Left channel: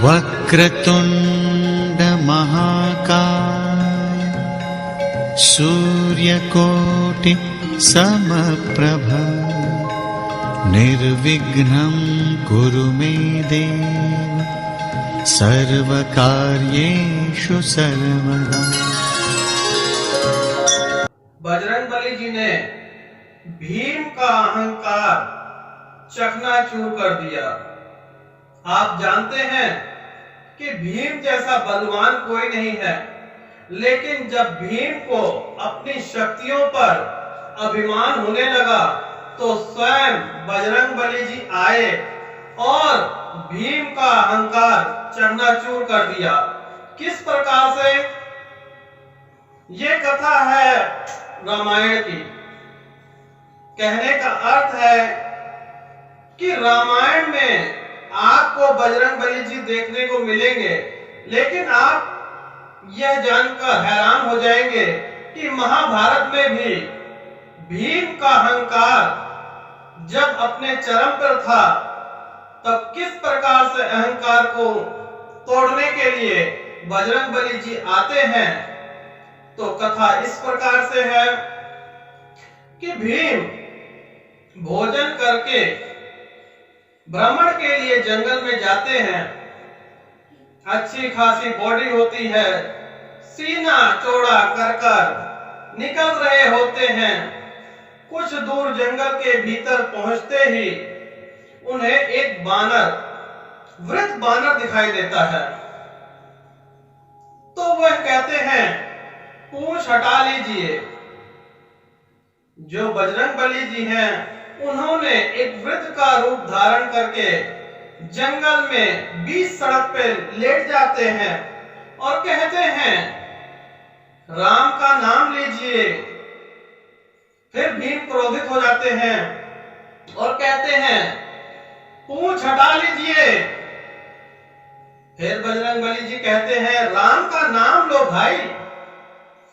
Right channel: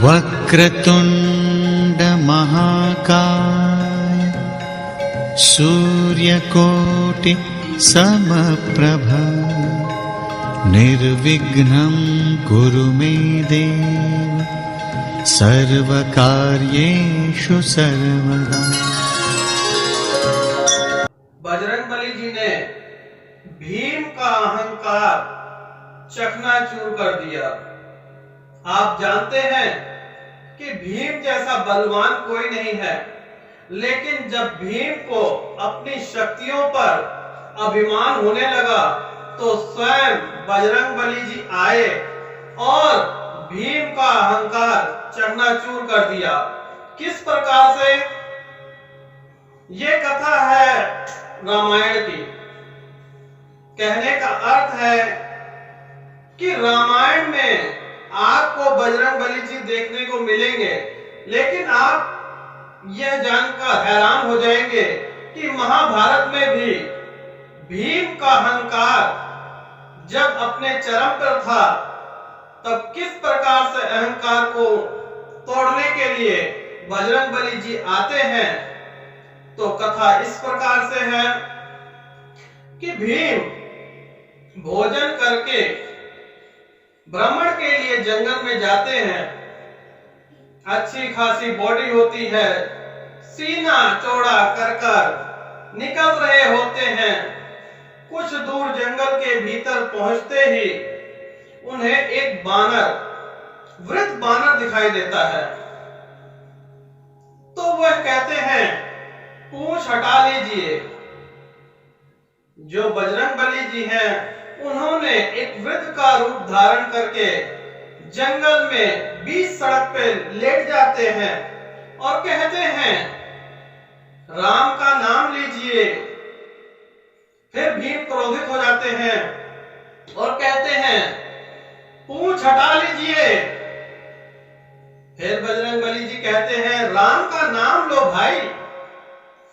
वक्रतुंड महाकाय सूर्यकोटि समप्रभ निर्विघ्नं कुरु मे देव सर्वकार्येषु सर्वदा। बजरंगबली जी ने भीम का अहंकार चकनाचूर कर दिया। आप जानते हैं कि भीम जैसा बलवान कोई नहीं है, लेकिन जब भीम को अपनी शक्तियों पर अभिमान होने लगा तो स्वयं बजरंगबली जी आए और भीम का अहंकार चकनाचूर कर दिया। किस प्रकार से? ये कथा है रामायण की। कहने का अर्थ है कि रामायण में आपको बजरंगबली जी देखने को मिलेंगे, लेकिन आप यह जानकर हैरान हो जाएंगे कि महाभारत में भी भीम का अहंकार जब अपने चरम पर था, तब किस प्रकार से अहंकार को तोड़ने के लिए बजरंगबली जी आते हैं। तो कथा इस प्रकार से है कि भीम भोजन करके भ्रमण के लिए जंगल में जाते हैं। अच्छी खासी बॉडी होती है, सीना चौड़ा कर कर निकल रहे होते हैं। कुछ दूर जंगल के भीतर पहुंचते ही उन्हें एक बानर, वृद्ध बानर दिखाई देता है। तो वह कहते हैं, पूंछ हटा लीजिए। जो बजरंगबली जी हैं, उन्होंने एक वृद्ध का रूप धारण करके जंगल में बीच सड़क पे लेट जाते हैं और कहते हैं, राम का नाम लीजिए। फिर भीम क्रोधित हो जाते हैं और कहते हैं, पूंछ हटा लीजिए। फिर बजरंगबली जी कहते हैं, राम का नाम लो भाई।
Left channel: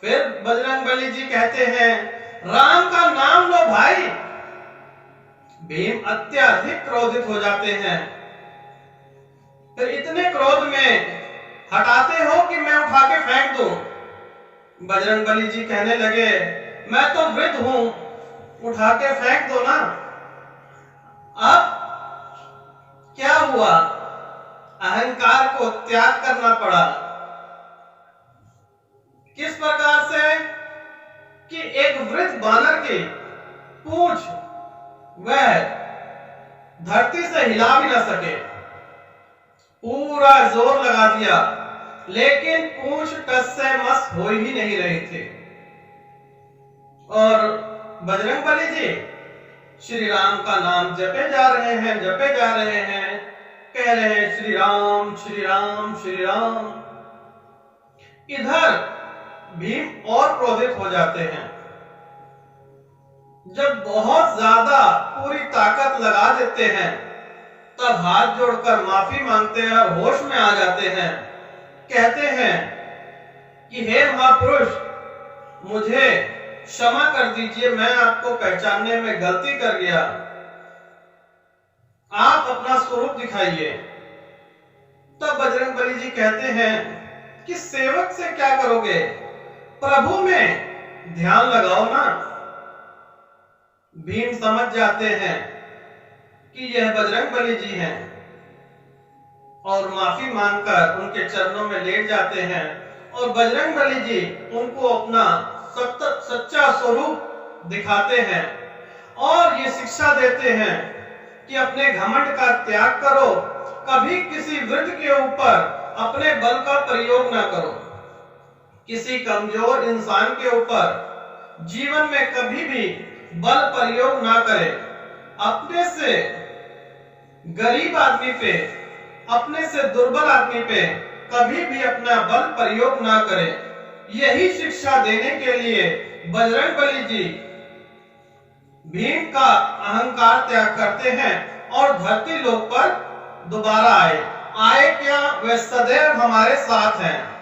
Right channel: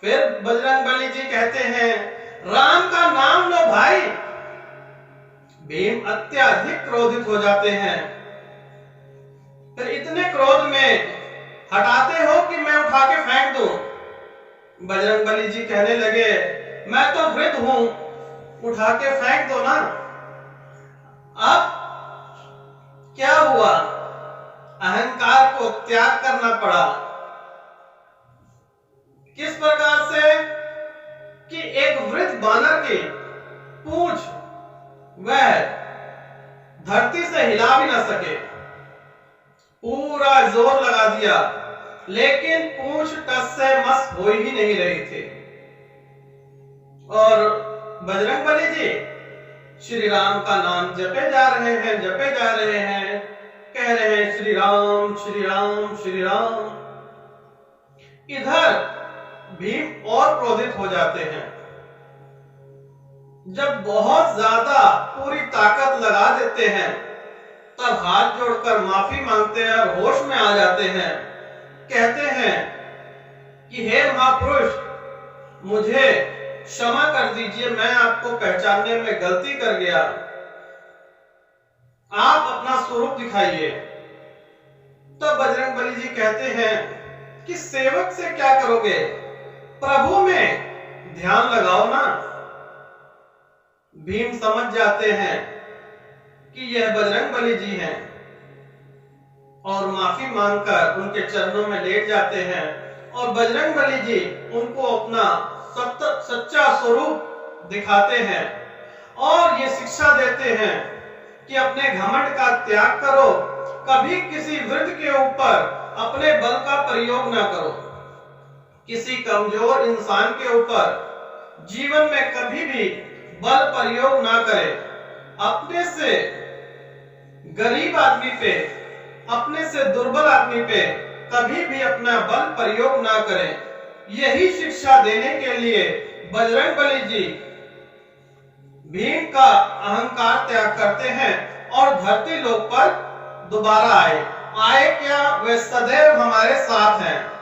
फिर बजरंगबली जी कहते हैं, राम का नाम लो भाई। भीम अत्यधिक क्रोधित हो जाते हैं। फिर इतने क्रोध में हटाते हो कि मैं उठा के फेंक दूं। बजरंगबली जी कहने लगे, मैं तो वृद्ध हूं, उठा के फेंक दो ना। अब क्या हुआ? अहंकार को त्याग करना पड़ा। किस प्रकार से? कि एक वृद्ध बानर की पूंछ वह धरती से हिला भी न सके। पूरा जोर लगा दिया, लेकिन पूंछ टस से मस हो ही नहीं रही थी। और बजरंगबली जी श्री राम का नाम जपे जा रहे हैं, जपे जा रहे हैं, कह रहे हैं श्री राम श्री राम श्री राम। इधर भीम और क्रोधित हो जाते हैं। जब बहुत ज्यादा पूरी ताकत लगा देते हैं, तब हाथ जोड़कर माफी मांगते हैं और होश में आ जाते हैं। कहते हैं कि हे महापुरुष, मुझे क्षमा कर दीजिए, मैं आपको पहचानने में गलती कर गया। आप अपना स्वरूप दिखाइए। तब बजरंगबली जी कहते हैं कि सेवक से क्या करोगे, प्रभु में ध्यान लगाओ ना। भीम समझ जाते हैं कि यह बजरंगबली जी हैं और माफी मांगकर उनके चरणों में लेट जाते हैं। और बजरंगबली जी उनको अपना सच्चा स्वरूप दिखाते हैं और ये शिक्षा देते हैं कि अपने घमंड का त्याग करो। कभी किसी वृद्ध के ऊपर अपने बल का प्रयोग ना करो। किसी कमजोर इंसान के ऊपर जीवन में कभी भी बल प्रयोग ना करें। अपने से गरीब आदमी पे, अपने से दुर्बल आदमी पे कभी भी अपना बल प्रयोग ना करें। यही शिक्षा देने के लिए बजरंगबली जी भीम का अहंकार त्याग करते हैं और धरती लोक पर दोबारा आए। क्या? वे सदैव हमारे साथ हैं।